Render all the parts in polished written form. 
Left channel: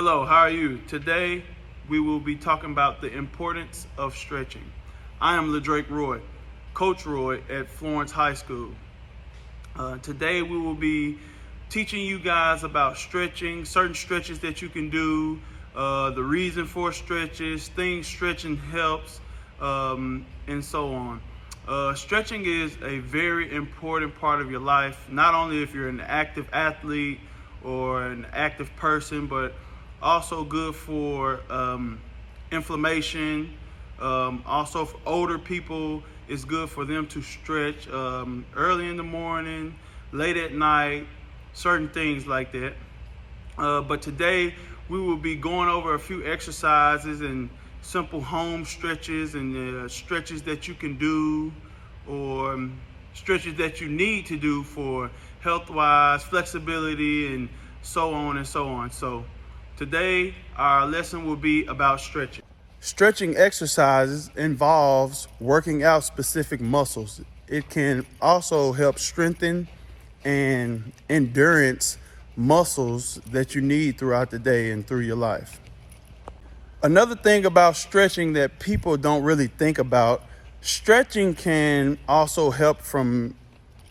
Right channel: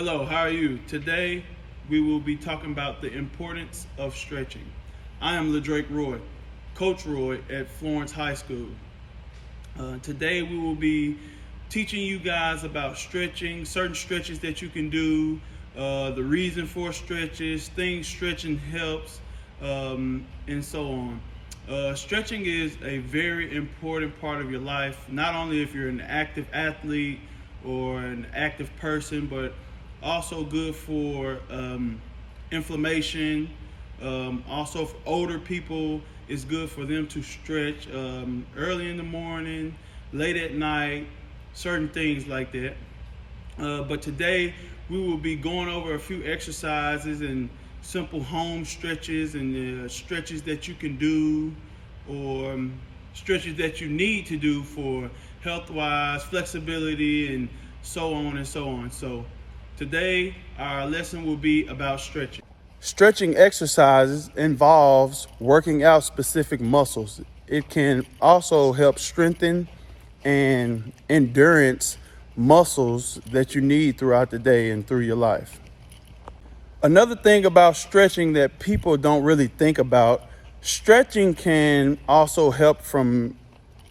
Hello, how are you? Today we will be talking about the importance of stretching. I am LaDrake Roy, Coach Roy at Florence High School. Today we will be teaching you guys about stretching, certain stretches that you can do, the reason for stretches, things stretching helps, and so on. Stretching is a very important part of your life, not only if you're an active athlete or an active person, but also good for inflammation. Also for older people, it's good for them to stretch early in the morning, late at night, certain things like that. But today we will be going over a few exercises and simple home stretches and stretches that you can do, or stretches that you need to do for health-wise, flexibility, and so on and so on. So today our lesson will be about stretching. Stretching exercises involves working out specific muscles. It can also help strengthen and endurance muscles that you need throughout the day and through your life. Another thing about stretching that people don't really think about, stretching can also help from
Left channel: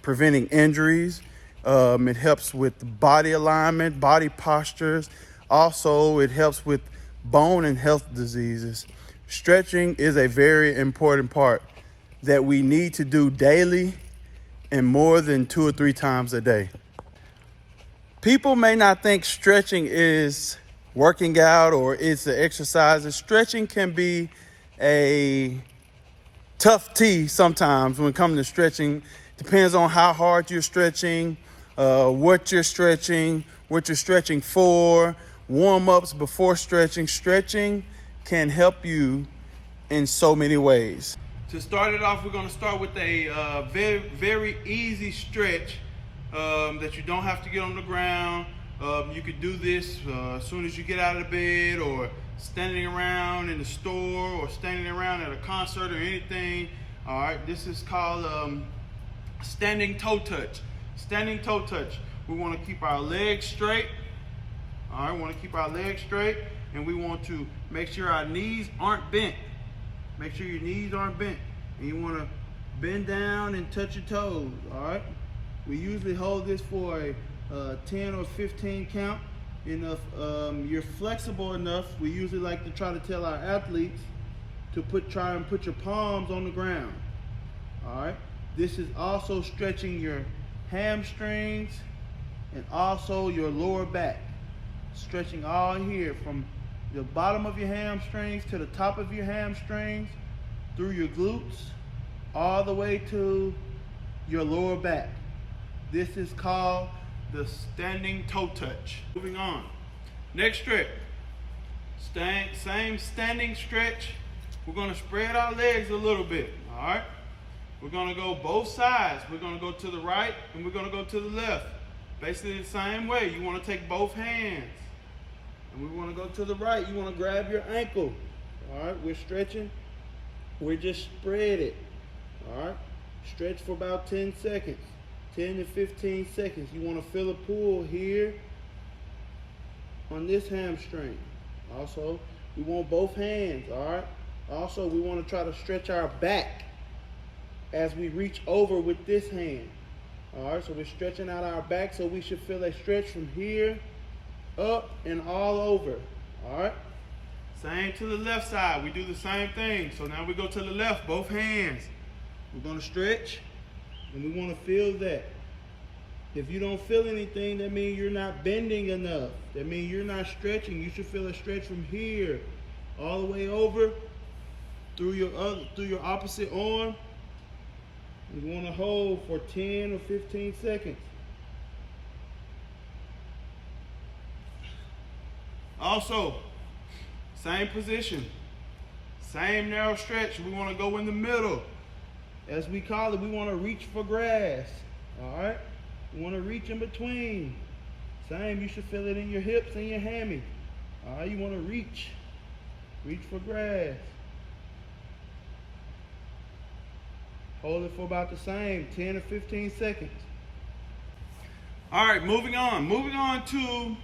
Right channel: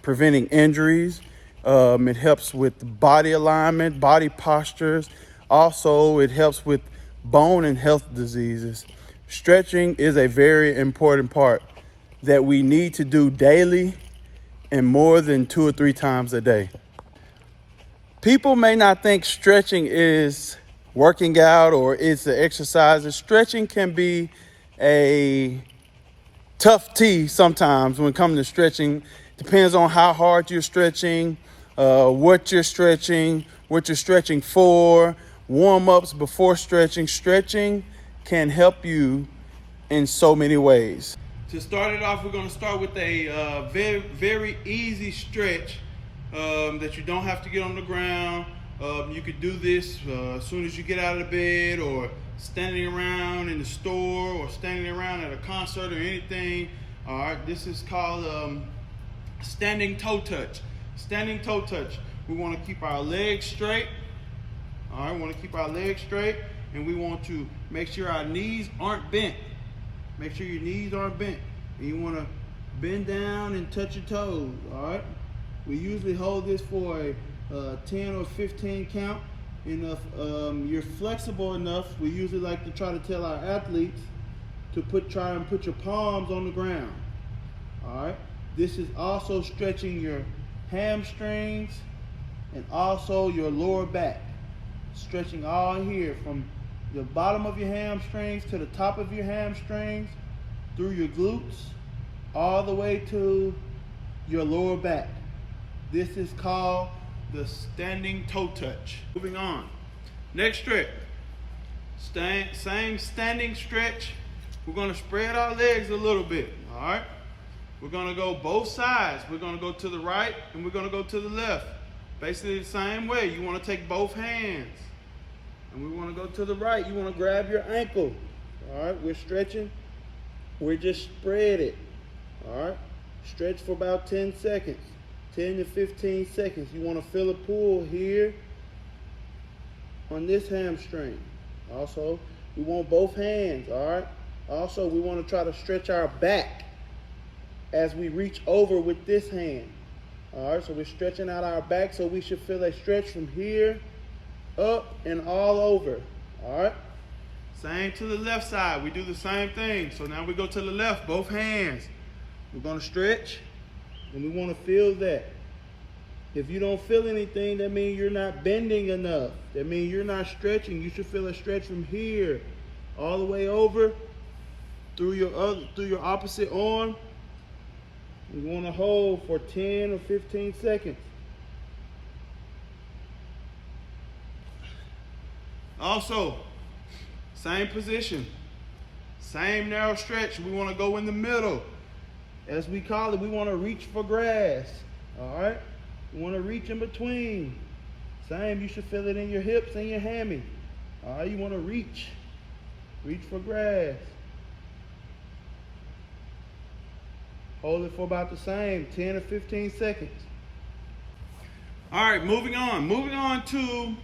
preventing injuries. It helps with body alignment, body postures. Also, it helps with bone and health diseases. Stretching is a very important part that we need to do daily and more than 2 or 3 times a day. People may not think stretching is working out or it's the exercises. Stretching can be a tough tea sometimes when it comes to stretching. Depends on how hard you're stretching, what you're stretching for, warm-ups before stretching. Stretching can help you in so many ways. To start it off, we're going to start with a very easy stretch that you don't have to get on the ground. You could do this as soon as you get out of the bed, or standing around in the store, or standing around at a concert or anything. All right, this is called standing toe touch. Standing toe touch. We want to keep our legs straight. All right, we want to keep our legs straight, and we want to make sure our knees aren't bent. Make sure your knees aren't bent, and you want to bend down and touch your toes. All right. We usually hold this for a 10 or 15 count. And if you're flexible enough, we usually like to try to tell our athletes to try and put your palms on the ground. All right. This is also stretching your hamstrings and also your lower back. Stretching all here from the bottom of your hamstrings to the top of your hamstrings, through your glutes, all the way to your lower back. This is called the standing toe touch. Moving on. Next stretch. Same standing stretch. We're going to spread our legs a little bit. All right. We're going to go both sides. We're going to go to the right and we're going to go to the left. Basically the same way. You want to take both hands. And we want to go to the right. You want to grab your ankle. All right. We're stretching. We're just spread it. All right. Stretch for about 10 seconds. 10 to 15 seconds. You want to feel a pull here on this hamstring. Also, we want both hands, all right? Also, we want to try to stretch our back as we reach over with this hand. All right, so we're stretching out our back, so we should feel a stretch from here up and all over. All right? Same to the left side. We do the same thing. So now we go to the left, both hands. We're going to stretch. And we want to feel that. If you don't feel anything, that means you're not bending enough. That means you're not stretching. You should feel a stretch from here all the way over through your opposite arm. And you want to hold for 10 or 15 seconds. Also, same position, same narrow stretch. We want to go in the middle. As we call it, we want to reach for grass. All right? We want to reach in between. Same, you should feel it in your hips and your hammy. All right? You want to reach for grass. Hold it for about the same, 10 or 15 seconds. All right, moving on. Moving on to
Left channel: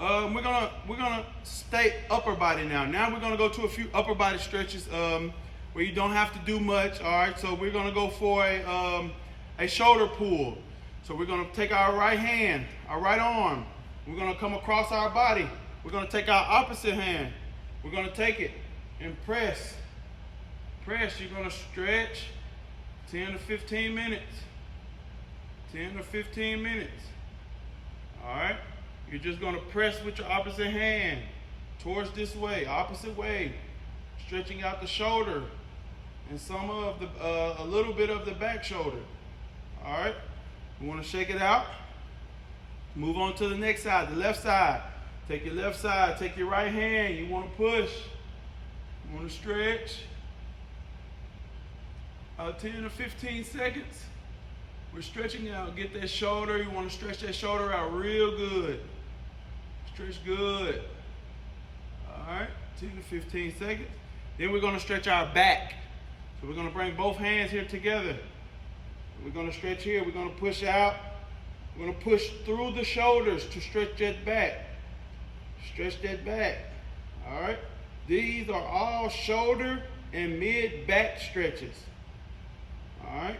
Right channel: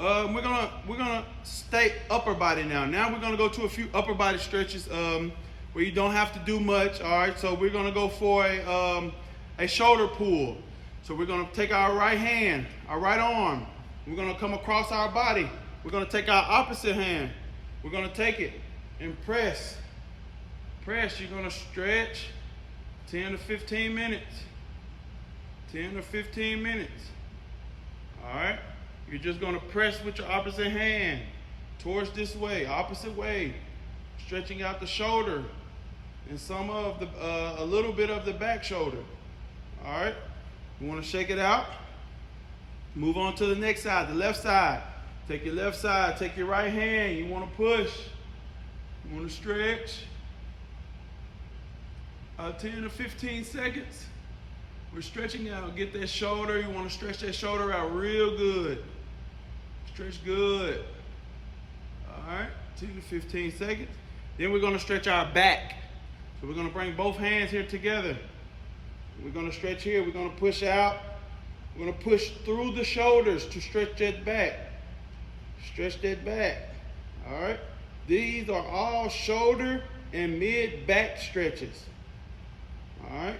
We're gonna stay upper body now. Now we're gonna go to a few upper body stretches where you don't have to do much. All right, so we're gonna go for a shoulder pull. So we're gonna take our right hand, our right arm. We're gonna come across our body. We're gonna take our opposite hand. We're gonna take it and press. Press. You're gonna stretch 10 to 15 minutes. 10 to 15 minutes. All right. You're just going to press with your opposite hand towards this way, opposite way, stretching out the shoulder and some of the, a little bit of the back shoulder. All right. You want to shake it out. Move on to the next side, the left side. Take your left side, take your right hand. You want to push. You want to stretch. 10 to 15 seconds. We're stretching out. Get that shoulder. You want to stretch that shoulder out real good. Stretch good. All right, 10 to 15 seconds. Then we're going to stretch our back. So we're going to bring both hands here together. We're going to stretch here. We're going to push out. We're going to push through the shoulders to stretch that back. Stretch that back. All right. These are all shoulder and mid-back stretches. All right.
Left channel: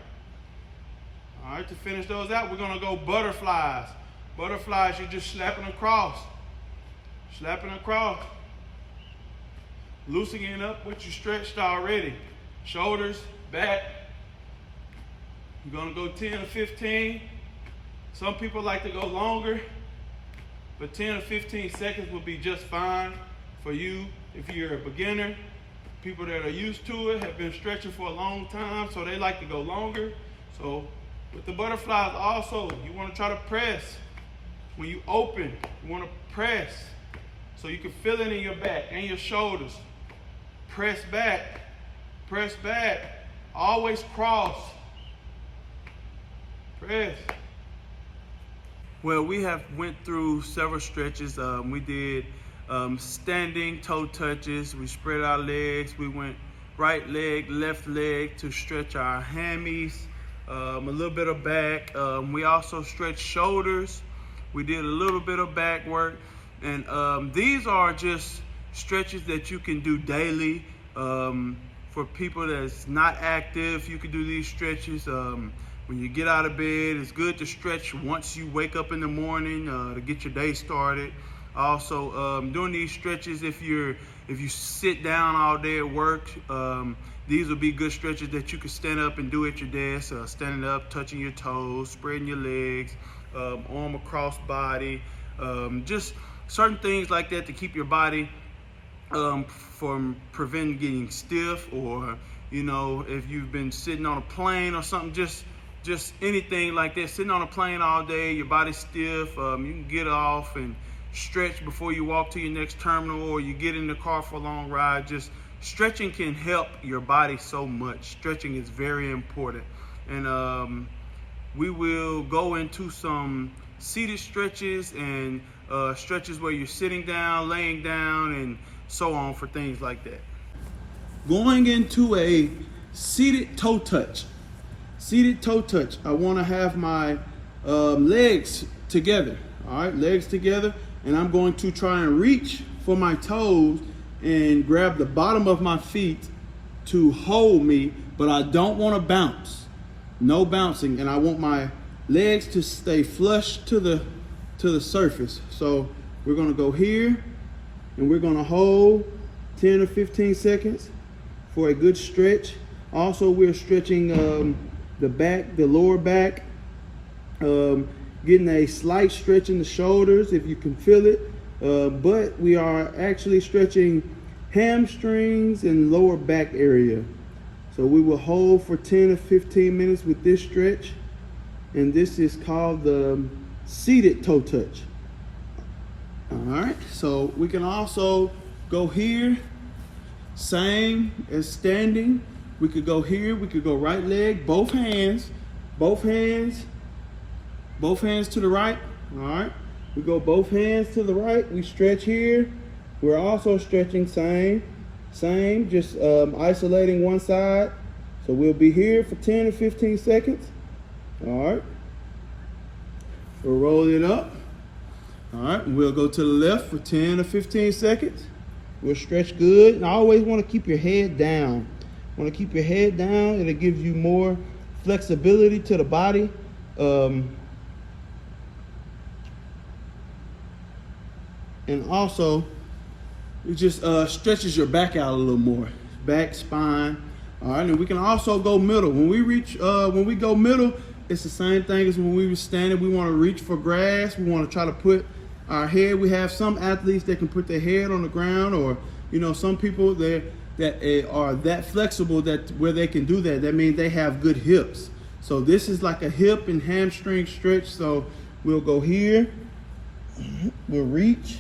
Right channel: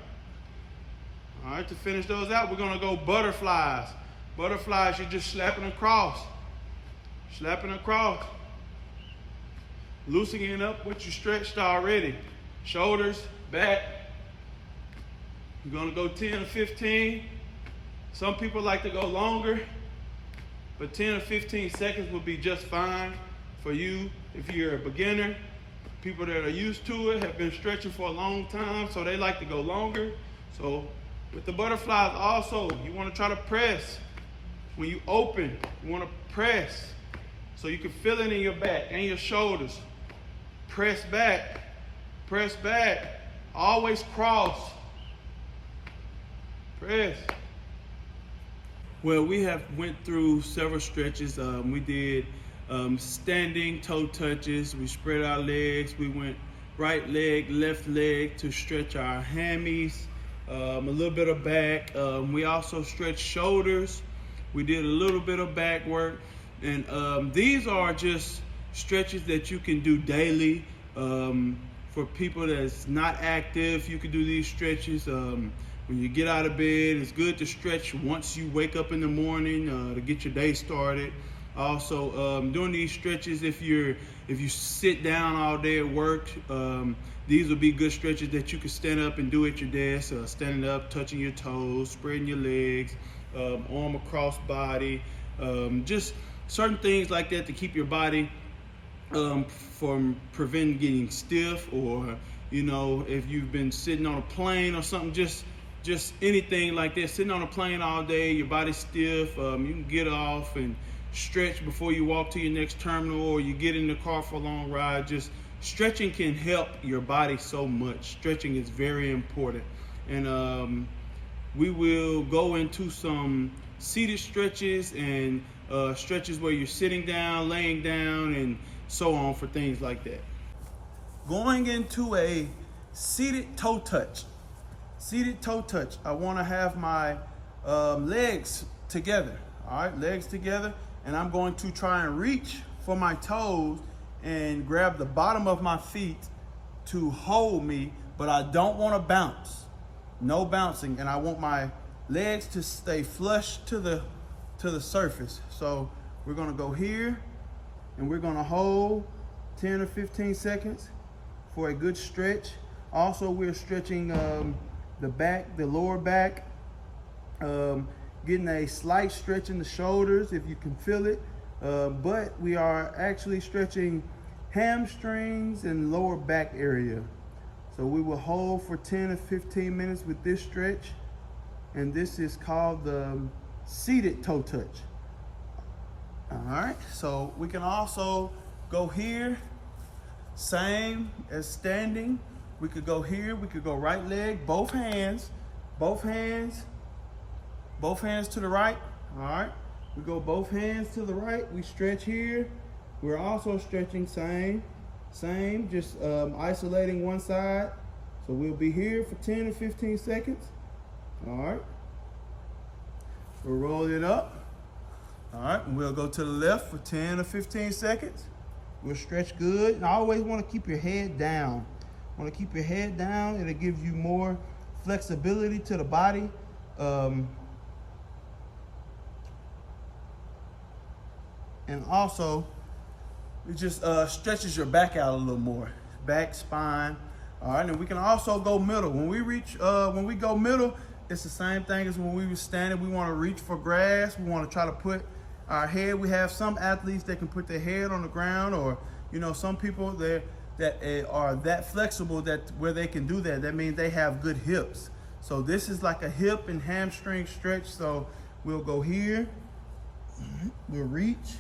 All right, to finish those out, we're going to go butterflies. Butterflies, you're just slapping across. Slapping across. Loosening up what you stretched already. Shoulders, back. You're going to go 10 to 15. Some people like to go longer, but 10 to 15 seconds will be just fine for you if you're a beginner. People that are used to it have been stretching for a long time, so they like to go longer. So with the butterflies also, you want to try to press. When you open, you want to press so you can feel it in your back and your shoulders. Press back. Press back. Always cross. Press. Well, we have went through several stretches. We did standing toe touches. We spread our legs. We went right leg, left leg to stretch our hammies. A little bit of back. We also stretched shoulders. We did a little bit of back work. And these are just stretches that you can do daily. For people that's not active, you can do these stretches. When you get out of bed, it's good to stretch once you wake up in the morning to get your day started. Also, doing these stretches if you sit down all day at work, these will be good stretches that you can stand up and do at your desk. Standing up, touching your toes, spreading your legs, arm across body, just certain things like that to keep your body from preventing getting stiff, or if you've been sitting on a plane or something, just anything like that. Sitting on a plane all day, your body's stiff. You can get off and stretch before you walk to your next terminal, or you get in the car for a long ride. Just stretching can help your body so much. Stretching is very important. And we will go into some seated stretches and stretches where you're sitting down, laying down, and so on for things like that. Going into a seated toe touch. Seated toe touch. I want to have my legs together. All right, legs together. And I'm going to try and reach for my toes and grab the bottom of my feet to hold me, but I don't want to bounce. No bouncing. And I want my legs to stay flush to the surface. So we're going to go here and we're going to hold 10 or 15 seconds for a good stretch. Also, we're stretching the back, the lower back, getting a slight stretch in the shoulders if you can feel it, but we are actually stretching hamstrings and lower back area. So we will hold for 10 to 15 minutes with this stretch, and this is called the seated toe touch. All right, so we can also go here, same as standing. We could go here, we could go right leg, both hands to the right. All right, we go both hands to the right. We stretch here. We're also stretching same, just isolating one side. So we'll be here for 10 to 15 seconds. All right, we'll roll it up. All right, we'll go to the left for 10 or 15 seconds. We'll stretch good. And I always want to keep your head down. Want to keep your head down. It'll give you more flexibility to the body. And also, it just stretches your back out a little more. Back, spine. All right, and we can also go middle. When we go middle, it's the same thing as when we were standing. We want to reach for grass. We want to try to put our head. We have some athletes that can put their head on the ground, or some people that are that flexible that where they can do that. That means they have good hips. So this is like a hip and hamstring stretch. So we'll go here. We'll reach,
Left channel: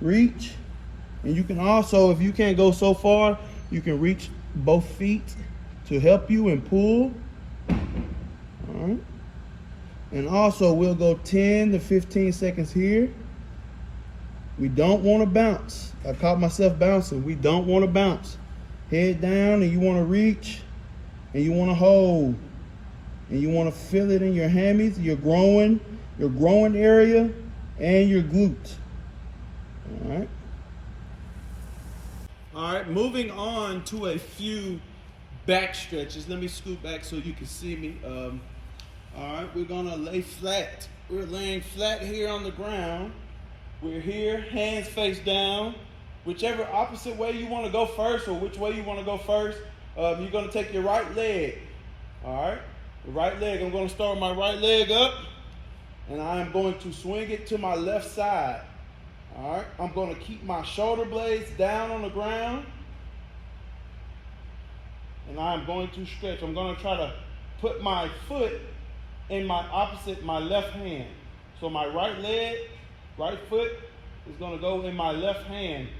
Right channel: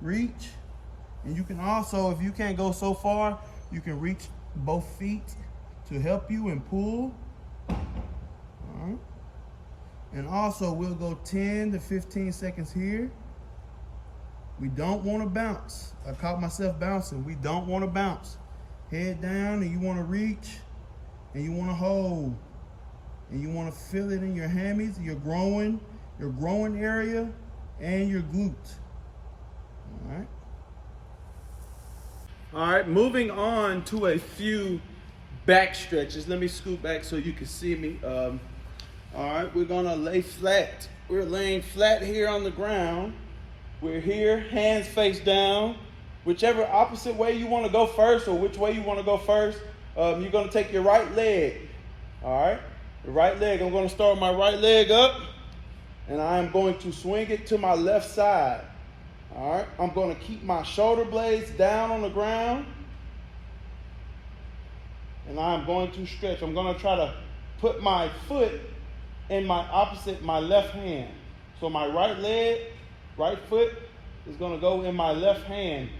and you can also, if you can't go so far, you can reach both feet to help you and pull. All right. And also we'll go 10 to 15 seconds here. We don't want to bounce. I caught myself bouncing. We don't want to bounce. Head down, and you want to reach, and you want to hold, and you want to feel it in your hammies, your growing area, and your glutes. All right. All right, moving on to a few back stretches. Let me scoot back so you can see me. All right, we're gonna lay flat. We're laying flat here on the ground. We're here, hands face down. Whichever opposite way you want to go first, or which way you want to go first, you're going to take your right leg. All right, the right leg. I'm going to start my right leg up, and I'm going to swing it to my left side. All right, I'm going to keep my shoulder blades down on the ground, and I'm going to stretch. I'm going to try to put my foot in my left hand. So my right foot is going to go in my left hand.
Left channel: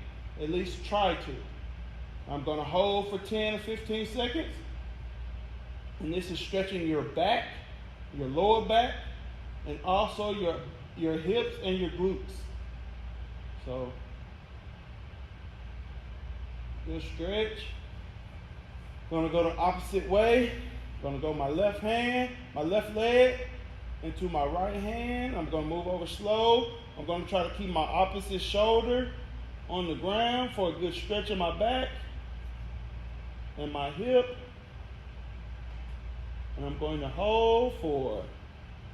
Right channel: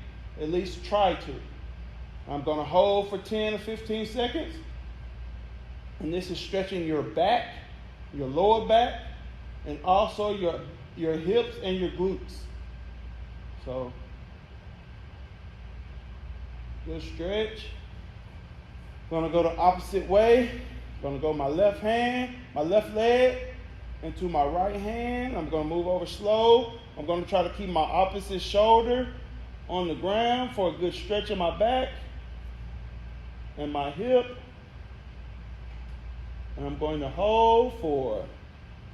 At least try to. I'm going to hold for 10 or 15 seconds. And this is stretching your back, your lower back, and also your hips and your glutes. So, just stretch. Going to go the opposite way. Going to go my left leg into my right hand. I'm going to move over slow. I'm going to try to keep my opposite shoulder on the ground for a good stretch of my back and my hip. And I'm going to hold for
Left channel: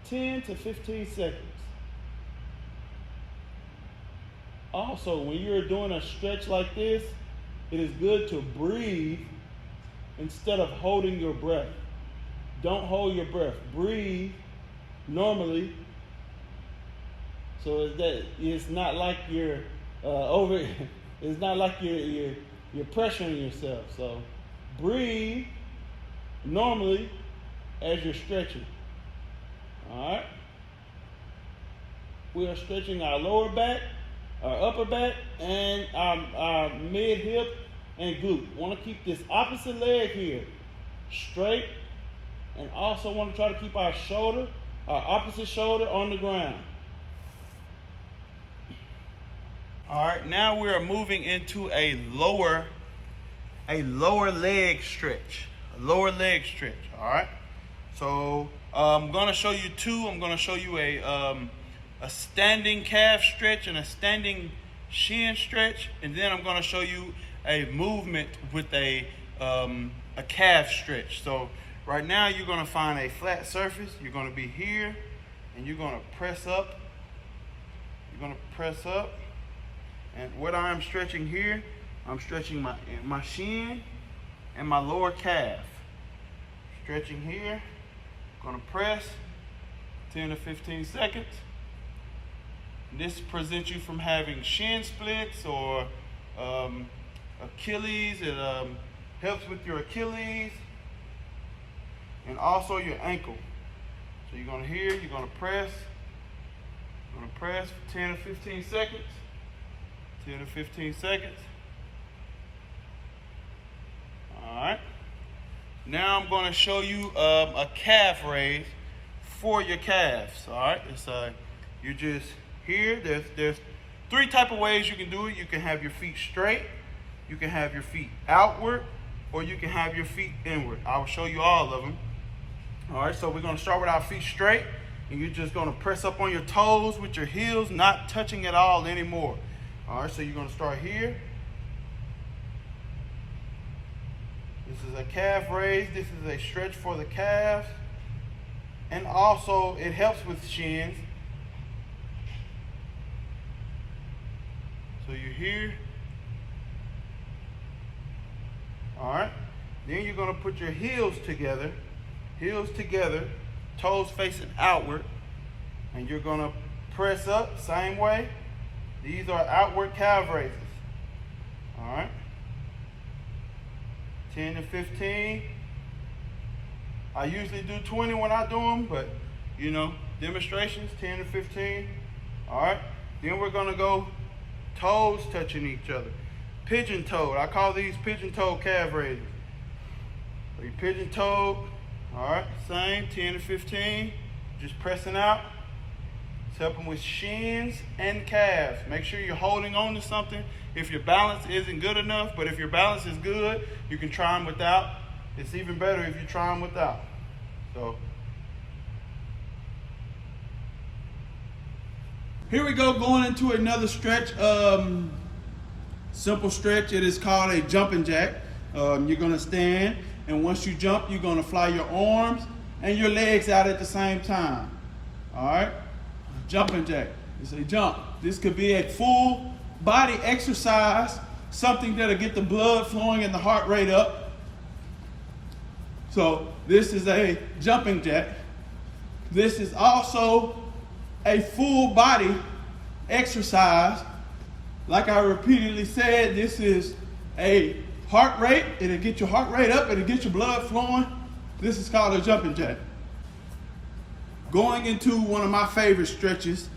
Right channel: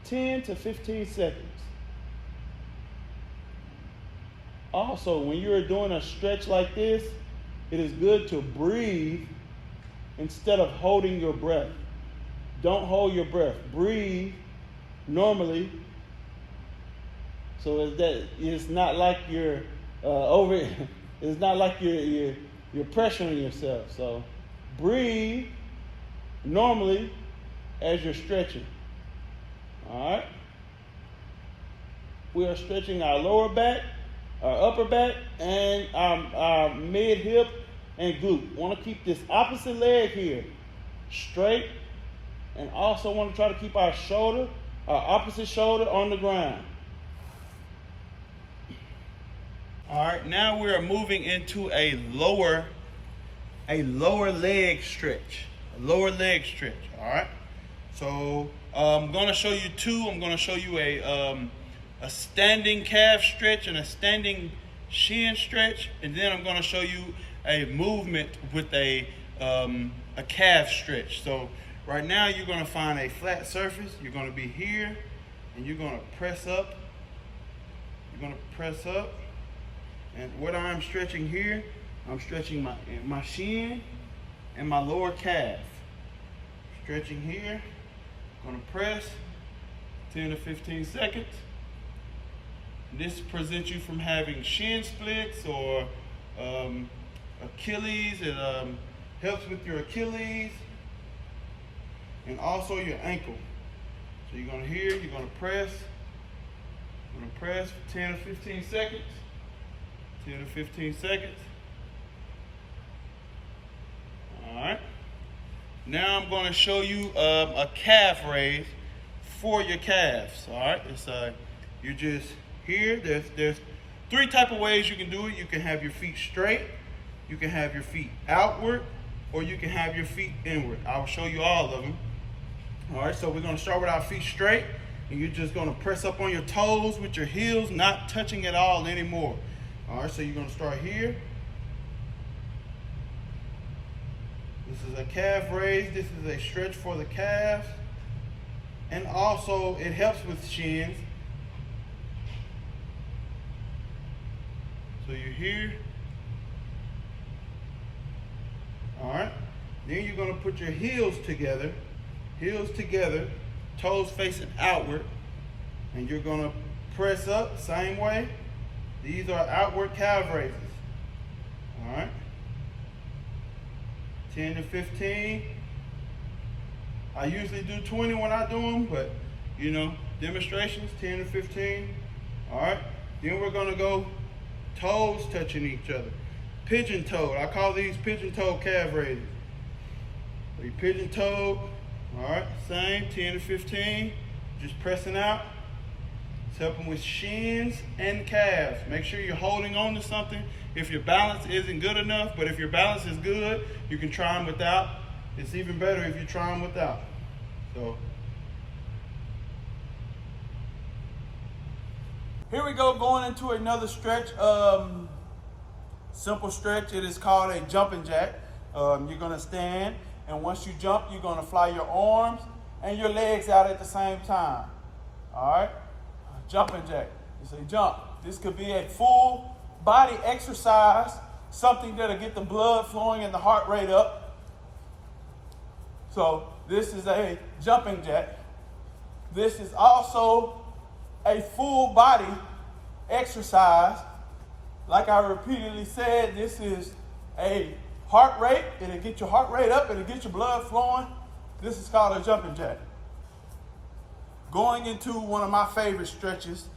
10 to 15 seconds. Also, when you're doing a stretch like this, it is good to breathe instead of holding your breath. Don't hold your breath. Breathe normally, so that it's not like you're it's not like you're pressuring yourself. So breathe normally as you're stretching. All right. We are stretching our lower back, our upper back, and our mid hip and glute. Want to keep this opposite leg here straight, and also want to try to keep our opposite shoulder on the ground. All right, now we are moving into a lower leg stretch. All right. So I'm going to show you two. I'm going to show you a standing calf stretch and a standing shin stretch, and then I'm going to show you a movement with a calf stretch. So right now you're going to find a flat surface. You're going to be here, and you're going to press up. And what I'm stretching here, I'm stretching my shin and my lower calf. Stretching here, gonna press 10 to 15 seconds. This prevents you from having shin splits or Achilles. It helps with your Achilles and also your ankle. So you're gonna press for 10 to 15 seconds. 10 to 15 seconds. All right. Now I'm going to show you a calf raise for your calves. All right. It's you're just here. There's three type of ways you can do it. You can have your feet straight, you can have your feet outward, or you can have your feet inward. I will show you all of them. All right. So we're going to start with our feet straight. and you're just gonna press up on your toes with your heels not touching at all anymore. All right, so you're gonna start here. This is a calf raise. This is a stretch for the calves. And also it helps with shins. So you're here. All right. Then you're gonna put your heels together, toes facing outward, and you're gonna press up same way. These are outward calf raises. All right. 10 to 15. I usually do 20 when I do them, but you know, demonstrations 10 to 15. All right. Then we're gonna go toes touching each other. Pigeon toed. I call these pigeon toed calf raises. So you pigeon toed. All right. Same 10 to 15. Just pressing out. It's helping with shins and calves. Make sure you're holding on to something. If your balance isn't good enough, but if your balance is good, you can try them without. It's even better if you try them without. So here we go, going into another stretch. Simple stretch. It is called a jumping jack. You're gonna stand, and once you jump, you're gonna fly your arms and your legs out at the same time. All right. Jumping jack. It's a jump. This could be a full body exercise, something that'll get the blood flowing and the heart rate up. So this is a jumping jack. This is also a full body exercise. Like I repeatedly said, this is a heart rate. It'll get your heart rate up. It'll get your blood flowing. This is called a jumping jack. Going into one of my favorite stretches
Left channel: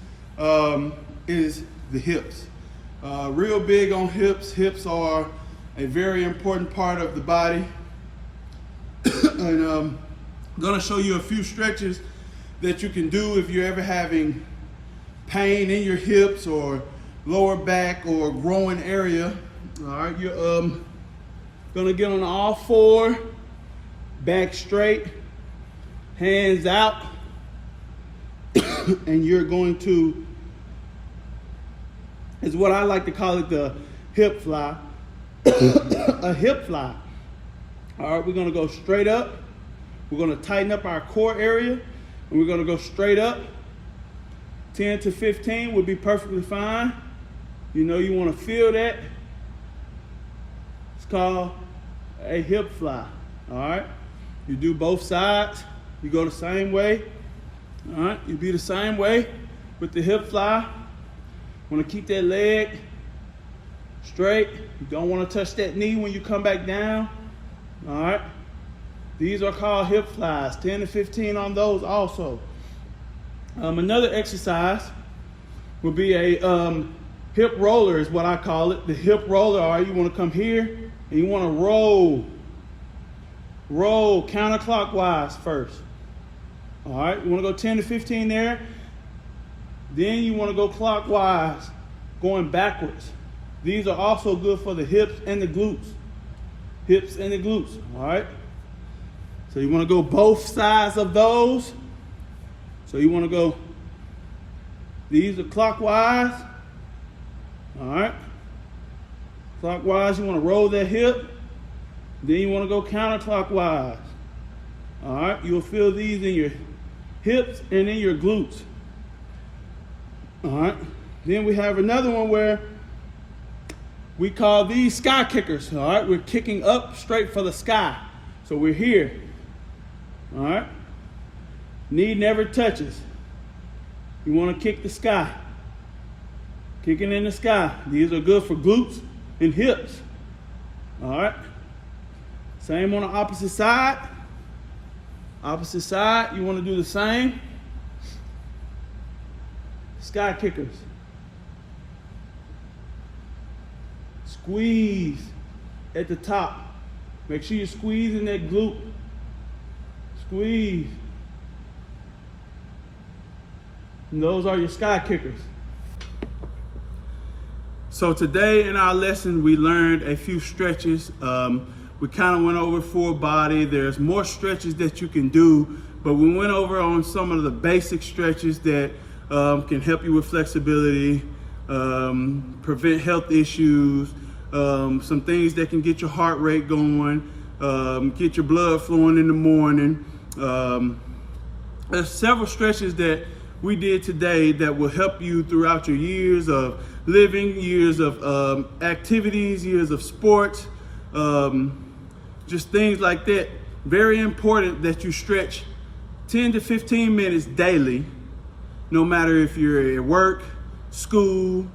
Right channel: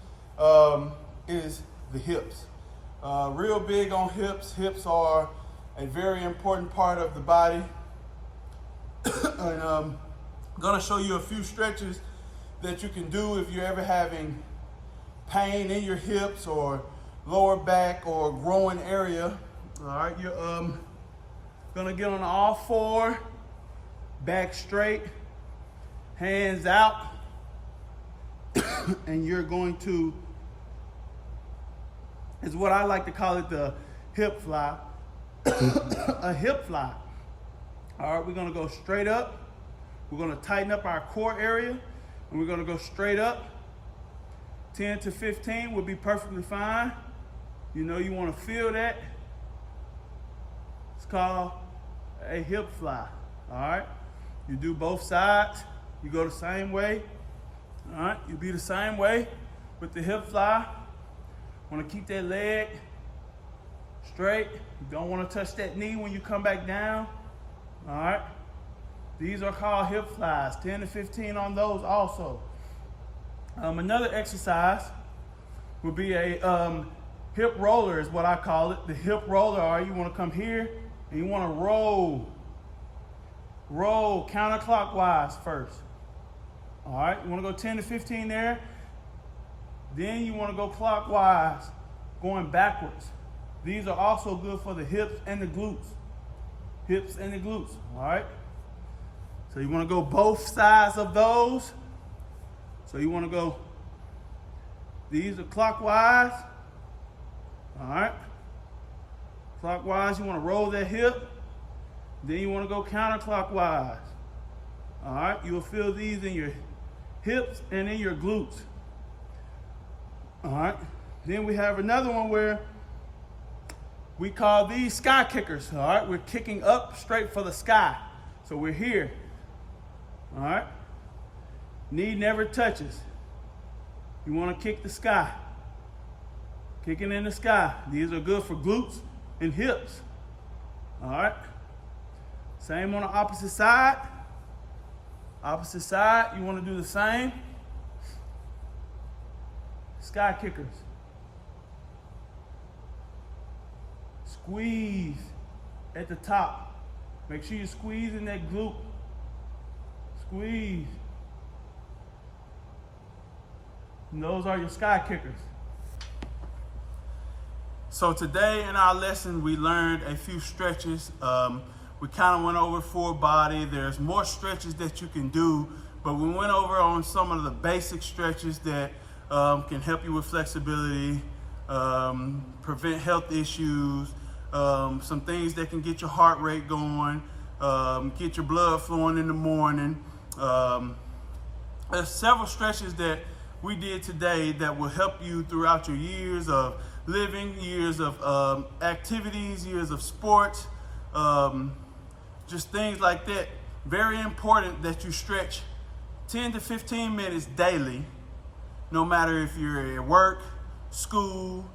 is the hips. Real big on hips. Hips are a very important part of the body. And I'm gonna show you a few stretches that you can do if you're ever having pain in your hips or lower back or growing area. All right, you're gonna get on all four, back straight, hands out, and you're going to, is what I like to call it, the hip fly. A hip fly. All right, we're gonna go straight up. We're gonna tighten up our core area, and we're gonna go straight up. 10 to 15 would be perfectly fine. You know, you wanna feel that. It's called a hip fly. All right, you do both sides. You go the same way. All right, you be the same way with the hip fly. Want to keep that leg straight. You don't want to touch that knee when you come back down. All right, these are called hip flies. 10 to 15 on those also. Another exercise would be a hip roller is what I call it. The hip roller. All right, you want to come here and you want to roll counterclockwise first. All right, you want to go 10 to 15 there. Then you want to go clockwise, going backwards. These are also good for the hips and the glutes. Hips and the glutes, all right? So you want to go both sides of those. So you want to go, these are clockwise, all right? Clockwise, you want to roll that hip. Then you want to go counterclockwise. All right, you'll feel these in your hips and in your glutes. All right, then we have another one where we call these sky kickers. All right, we're kicking up straight for the sky. So we're here. All right, knee never touches. You want to kick the sky. Kicking in the sky. These are good for glutes and hips. All right, same on the opposite side. Opposite side, you want to do the same. Sky kickers. Squeeze at the top. Make sure you're squeezing that glute. Squeeze. And those are your sky kickers. So today in our lesson, we learned a few stretches. We kind of went over full body. There's more stretches that you can do But we went over on some of the basic stretches that can help you with flexibility, prevent health issues, some things that can get your heart rate going, get your blood flowing in the morning. There's several stretches that we did today that will help you throughout your years of living, years of activities, years of sports, just things like that. Very important that you stretch 10 to 15 minutes daily, no matter if you're at work, school,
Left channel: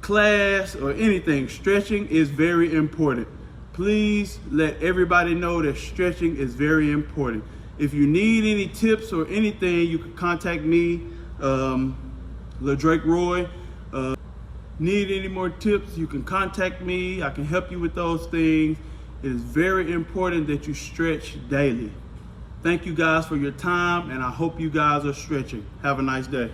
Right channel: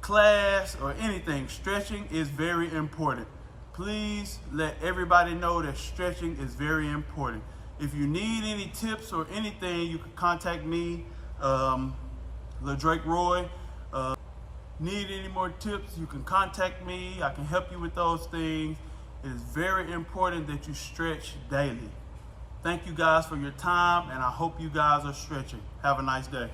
class, or anything. Stretching is very important. Please let everybody know that stretching is very important. If you need any tips or anything, you can contact me, LaDrake Roy. Need any more tips, you can contact me. I can help you with those things. It is very important that you stretch daily. Thank you guys for your time, and I hope you guys are stretching. Have a nice day.